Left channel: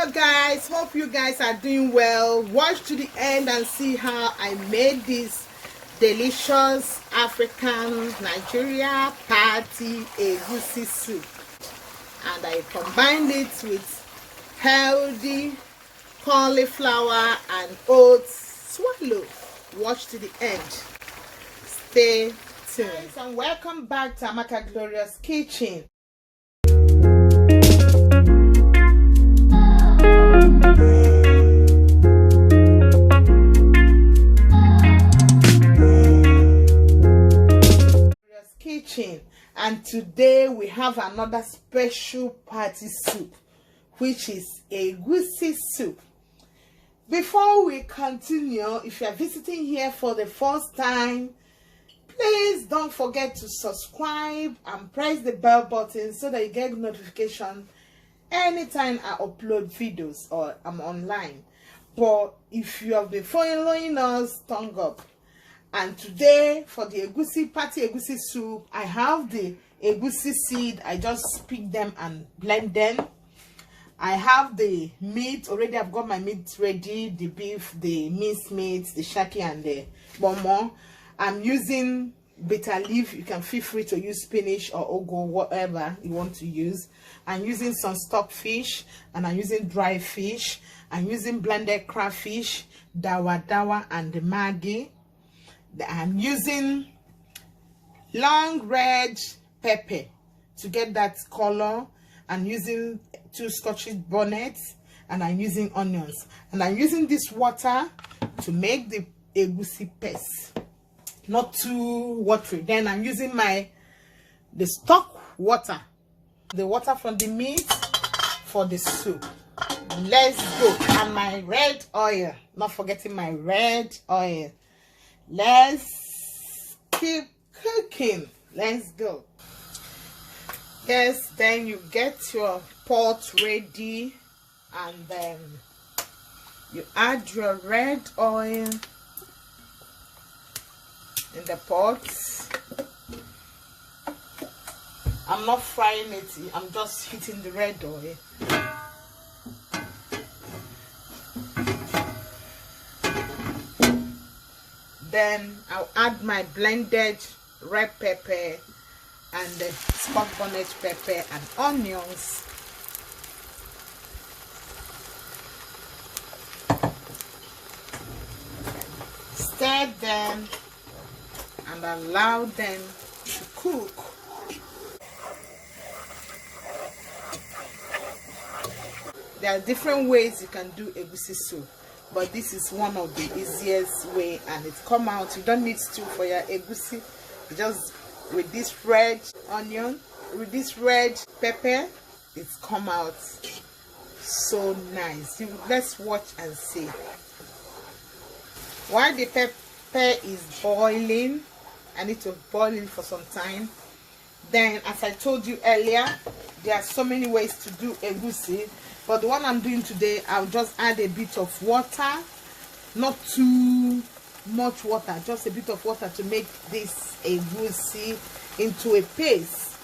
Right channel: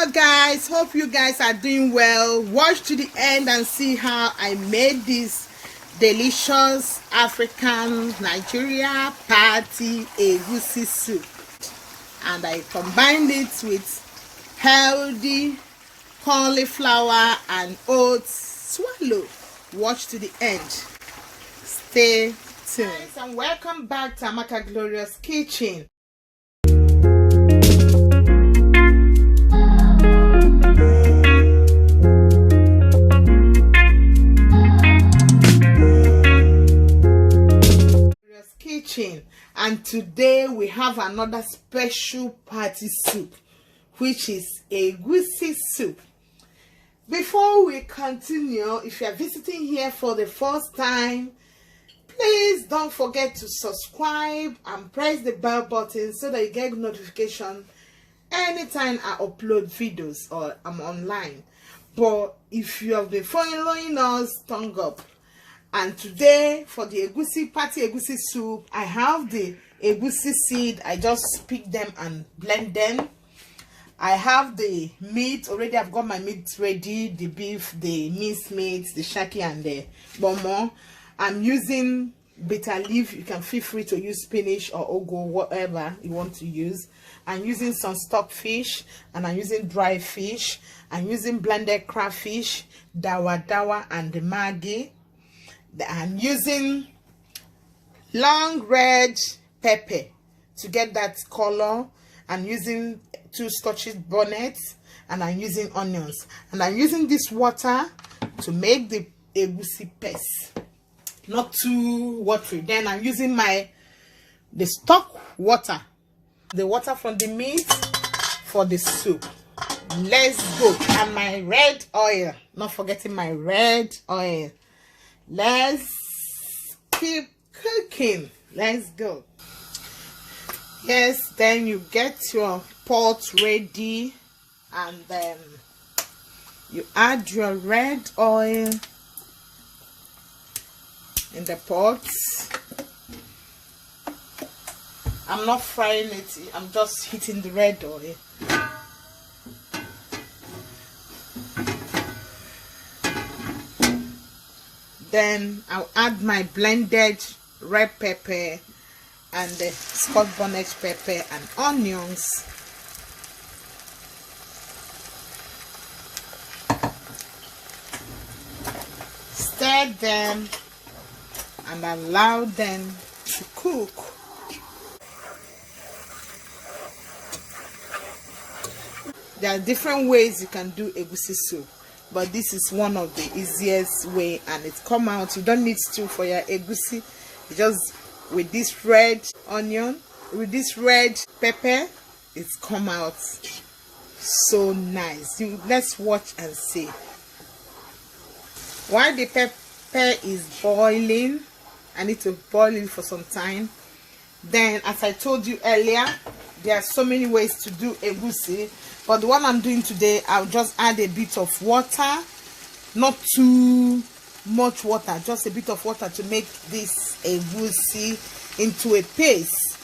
Hello guys, hope you guys are doing well. Watch to the end and see how I made this delicious African Nigeria party egusi soup, and I combined it with healthy cauliflower and oats swallow. Watch to the end. Stay tuned. Guys, and welcome back to Amaka Glorious kitchen. And today we have another special party soup, which is egusi soup. Before we continue, if you are visiting here for the first time, please don't forget to subscribe and press the bell button so that you get notification anytime I upload videos or I'm online. But if you have been following us, thumb up. And today for the egusi party egusi soup, I have the egusi seed. I just pick them and blend them. I have the meat already. I've got my meat ready, the beef, the minced meat, the shaki, and the bomo. I'm using bitter leaf. You can feel free to use spinach or ogo, whatever you want to use. I'm using some stock fish, and I'm using dry fish. I'm using blended crafish, dawa, and the maggi. I'm using long red pepper to get that color. I'm using 2 Scotch bonnets, and I'm using onions, and I'm using this water to make the egusi paste, not too watery. Then I'm using the stock water, the water from the meat for the soup. Let's go. And my red oil, not forgetting my red oil. Let's keep cooking. Let's go. Yes, then you get your pot ready, and then you add your red oil in the pot. I'm not frying it, I'm just heating the red oil. Then I'll add my blended red pepper and the Scotch Bonnet pepper and onions. Stir them and allow them to cook. There are different ways you can do egusi soup, but this is one of the easiest way, and it come out. You don't need stew for your egusi. You just, with this red onion, with this red pepper, it's come out so nice. Let's watch and see. While the pepper is boiling, I need to boil it for some time. Then, as I told you earlier, there are so many ways to do egusi, but the one I'm doing today, I'll just add a bit of water, not too much water, just a bit of water to make this egusi into a paste.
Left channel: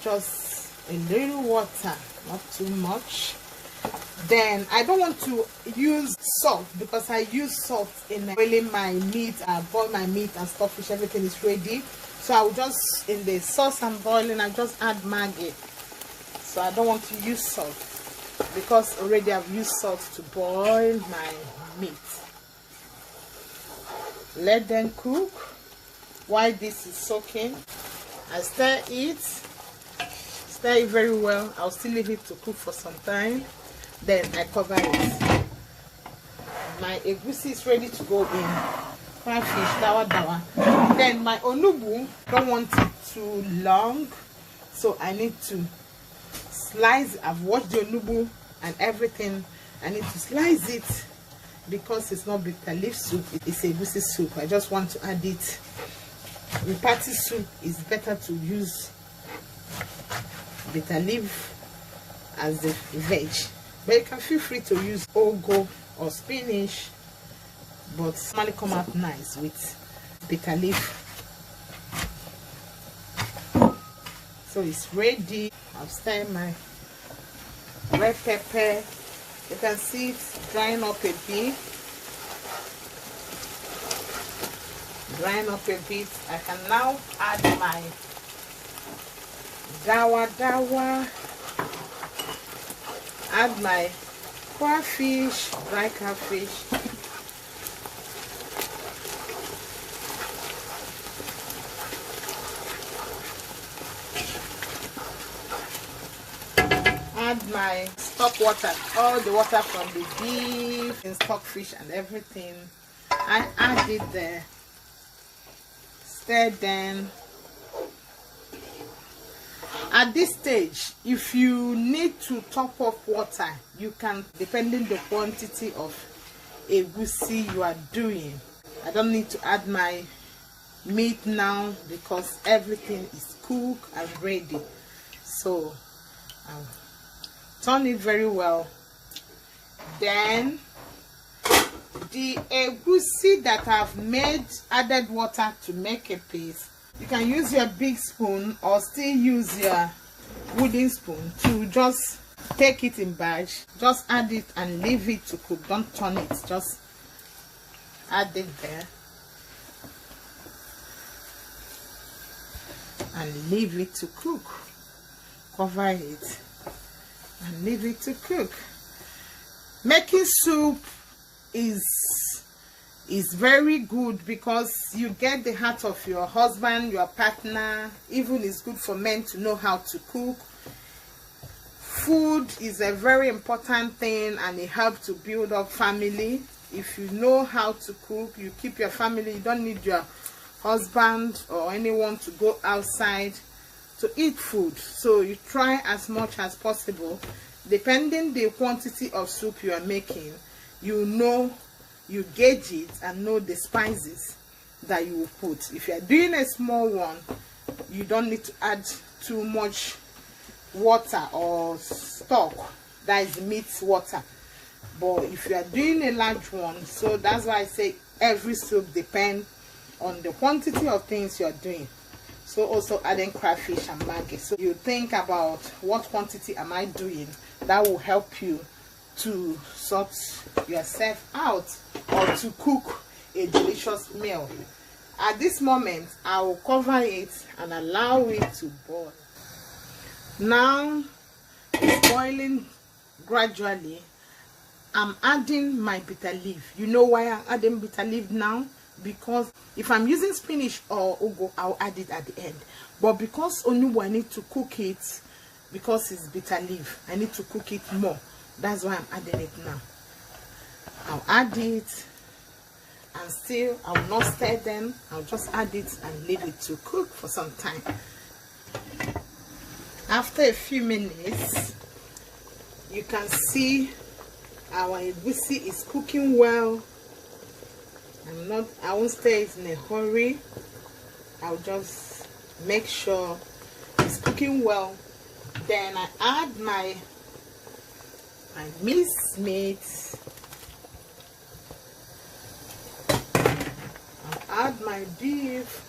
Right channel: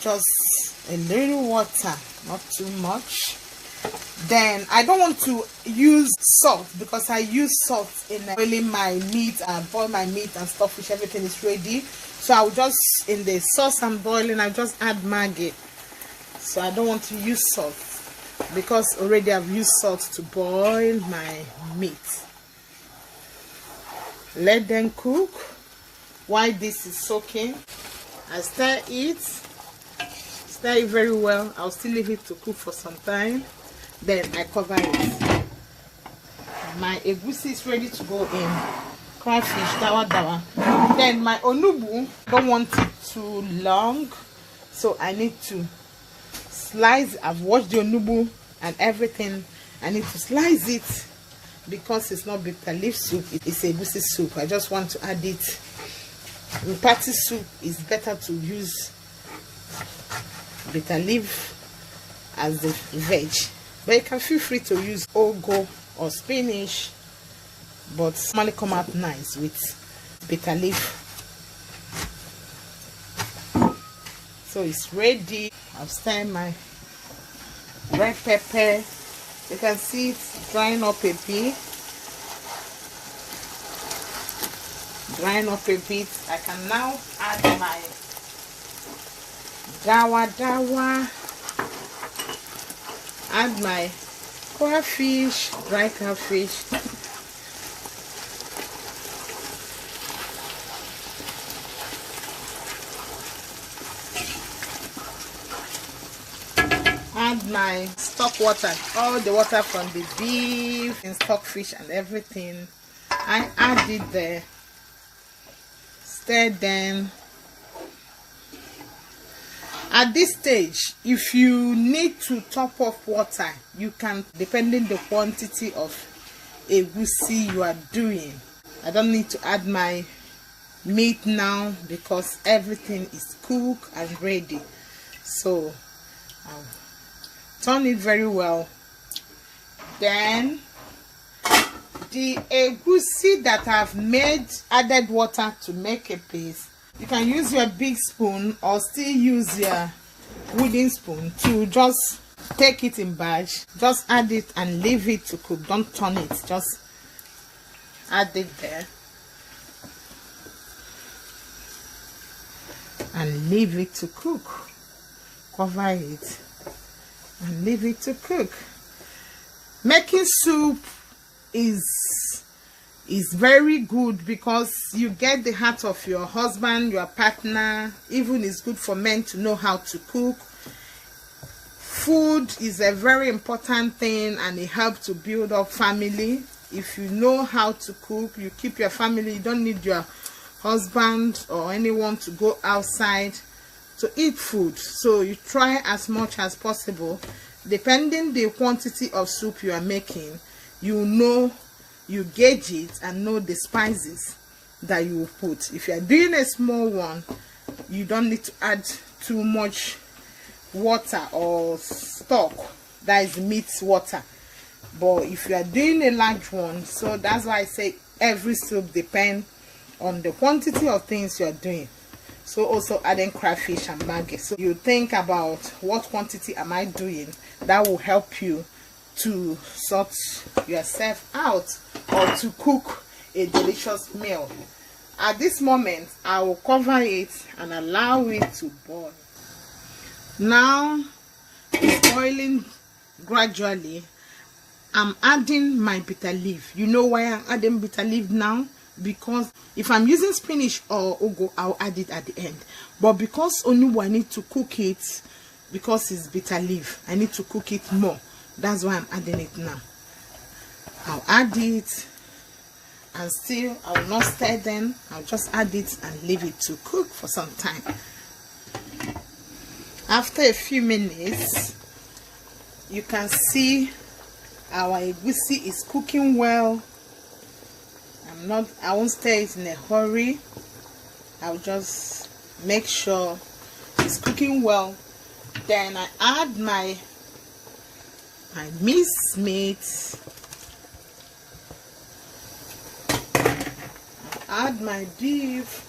Just a little water, not too much. Then I don't want to use salt because I use salt in boiling my meat. I boil my meat and stuff, which everything is ready. So I'll just, in the sauce I'm boiling, I'll just add maggi. So I don't want to use salt because already I've used salt to boil my meat. Let them cook while this is soaking. I stir it very well. I'll still leave it to cook for some time. Then I cover it. My egusi is ready to go in. Crafish, dawa. Then my onubu, don't want it too long, so I need to slice. I've washed the onubu and everything. I need to slice it because it's not bitter leaf soup, it's egusi soup. I just want to add it. In party soup, it's better to use bitter leaf as the veg, but you can feel free to use ogo or spinach, but normally come out nice with bitter leaf. So it's ready. I'll stir my red pepper You can see it's drying up a bit. Drying up a bit. I can now add my dawa, add my crafish, dry crafish, add my stock water, all the water from the beef and stockfish and everything. I add it there, stir them. At this stage, if you need to top up water, you can, depending the quantity of egusi you are doing. I don't need to add my meat now because everything is cooked and ready. So turn it very well. Then the egusi that I've made, added water to make a paste. You can use your big spoon or still use your wooden spoon to just take it in batch. Just add it and leave it to cook. Don't turn it. Just add it there and leave it to cook. Cover it and leave it to cook. Making soup is very good because you get the heart of your husband, your partner. Even it's good for men to know how to cook. Food is a very important thing and it helps to build up family. If you know how to cook, you keep your family. You don't need your husband or anyone to go outside to eat food. So you try as much as possible. Depending the quantity of soup you are making, you know, you gauge it and know the spices that you will put. If you are doing a small one, you don't need to add too much water or stock, that is meat water. But if you are doing a large one, so that's why I say every soup depends on the quantity of things you are doing. So also adding crafish and maggi. So you think about what quantity am I doing. That will help you to sort yourself out or to cook a delicious meal. At this moment, I will cover it and allow it to boil. Now it's boiling gradually. I'm adding my bitter leaf. You know why I'm adding bitter leaf now? Because if I'm using spinach or ugu, I'll add it at the end. But because only I need to cook it, because it's bitter leaf, I need to cook it more. That's why I'm adding it now. I'll add it and still I'll not stir them. I'll just add it and leave it to cook for some time. After a few minutes, you can see our egusi is cooking well. I won't stir it in a hurry. I'll just make sure it's cooking well. Then I add my minced meat. I'll add my beef.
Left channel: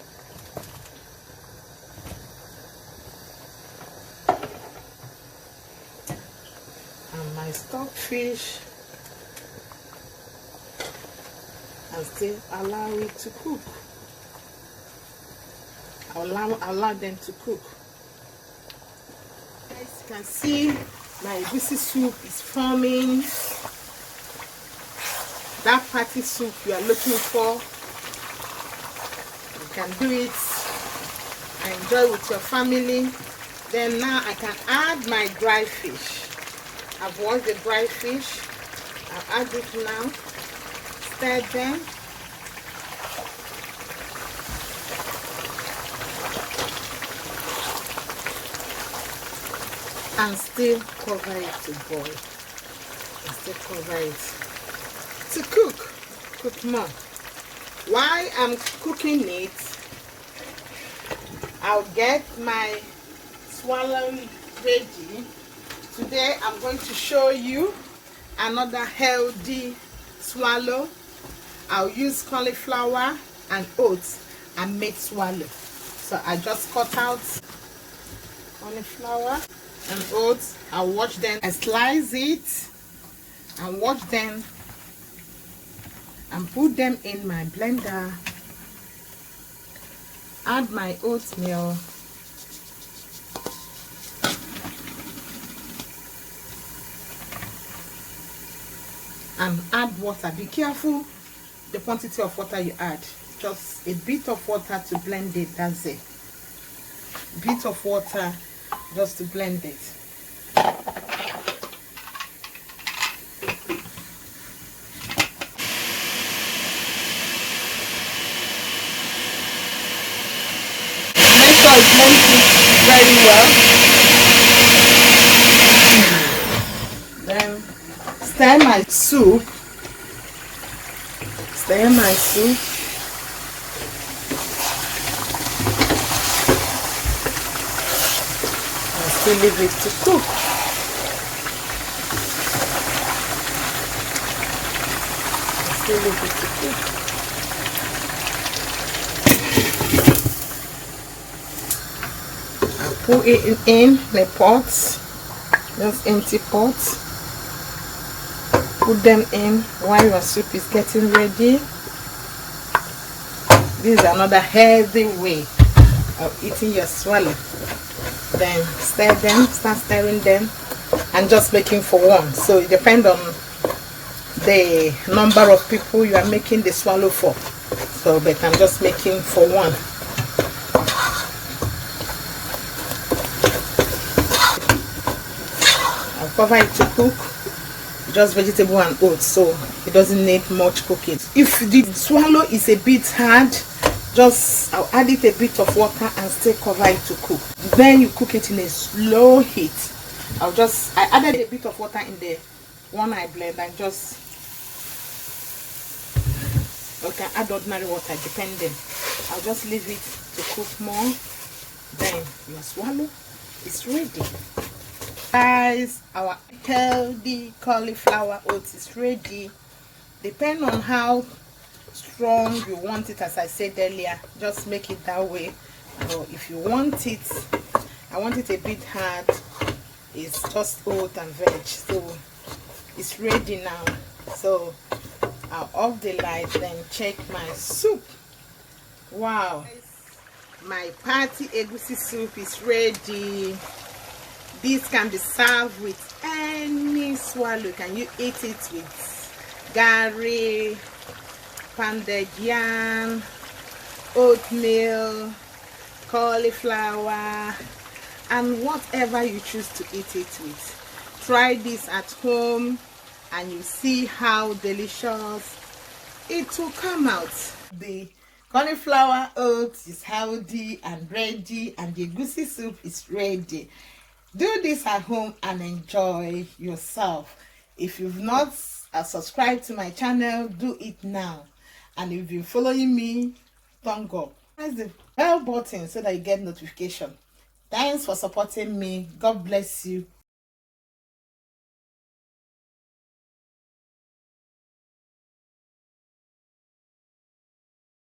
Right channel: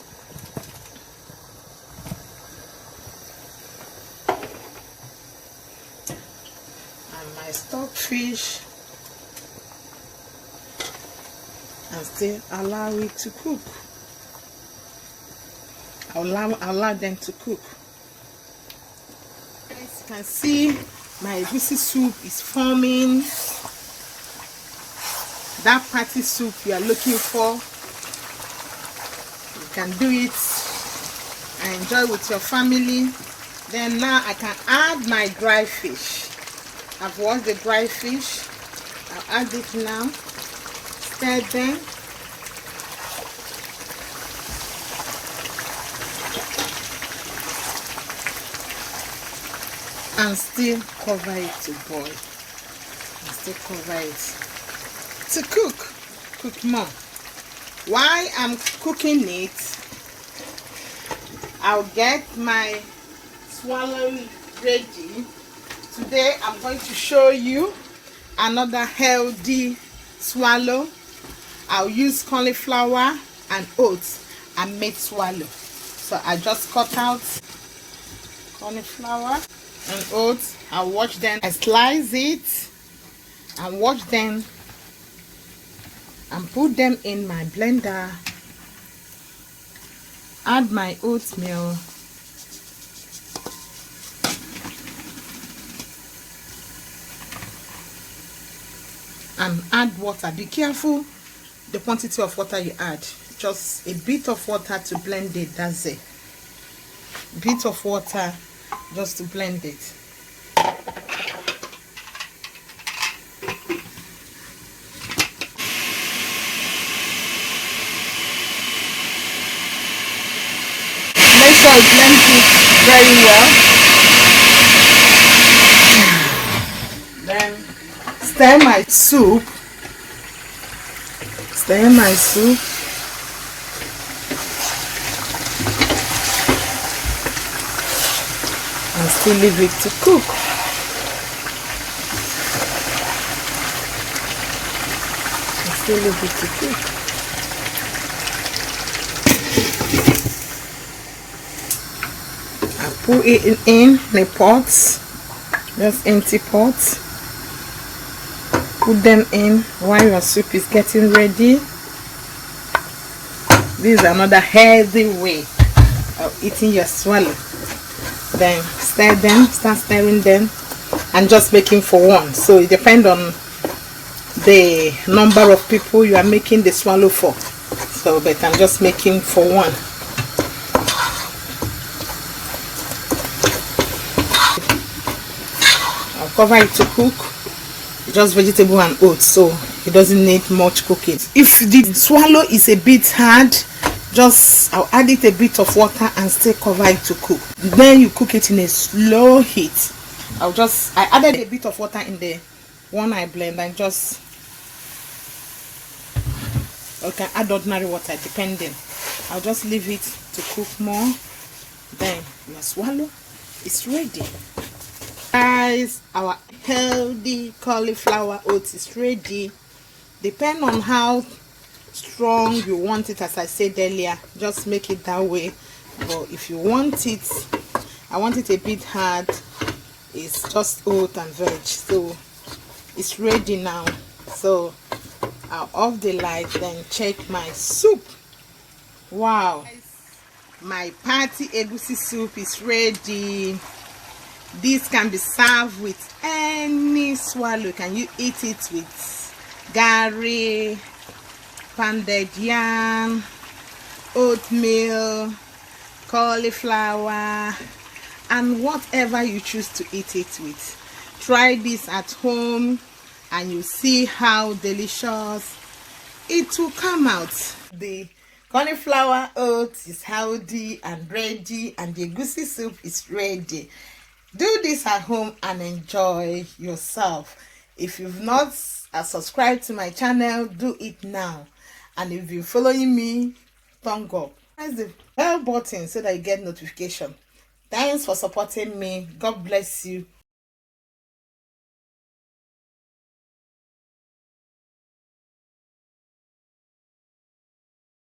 And my stockfish. And still allow it to cook. Allow them to cook. As you can see, my egusi soup is forming. That party soup you are looking for, you can do it and enjoy with your family. Then now I can add my dry fish. I've washed the dry fish. I'll add it now. Stir them. And still cover it to boil. And still cover it to cook more. While I'm cooking it, I'll get my swallow ready. Today I'm going to show you another healthy swallow. I'll use cauliflower and oats and make swallow. So I just cut out cauliflower and oats. I'll wash them and slice it and wash them and put them in my blender. Add my oatmeal. And add water. Be careful the quantity of water you add. Just a bit of water to blend it. That's it. Bit of water just to blend it. Make sure you blend it very well. Then stir my soup. Stir my soup. And still leave it to cook. Still leave it to cook. I put it in the pots, just empty pots. Put them in while your soup is getting ready. This is another healthy way of eating your swallow. Then stir them, start stirring them, and just making for one. So it depends on the number of people you are making the swallow for. So but I'm just making for one. I'll cover it to cook. Just vegetable and oats, so it doesn't need much cooking. If the swallow is a bit hard, just I'll add it a bit of water and still cover it to cook. Then you cook it in a slow heat. I added a bit of water in the one I blend, and just you can add ordinary water depending. I'll just leave it to cook more. Then your swallow is ready. Guys, our healthy cauliflower oats is ready. Depend on how strong you want it. As I said earlier, just make it that way. But if you want it, I want it a bit hard, it's just oat and veg. So it's ready now. So I'll off the light, then check my soup. Wow, my party egusi soup is ready. This can be served with any swallow. Can you eat it with gari, pounded yam, oatmeal, cauliflower, and whatever you choose to eat it with. Try this at home and you see how delicious it will come out. The cauliflower oats is healthy and ready, and the egusi soup is ready. Do this at home and enjoy yourself. If you've not subscribed to my channel, do it now. And if you're following me, thumb up. Press the bell button so that you get notification. Thanks for supporting me. God bless you.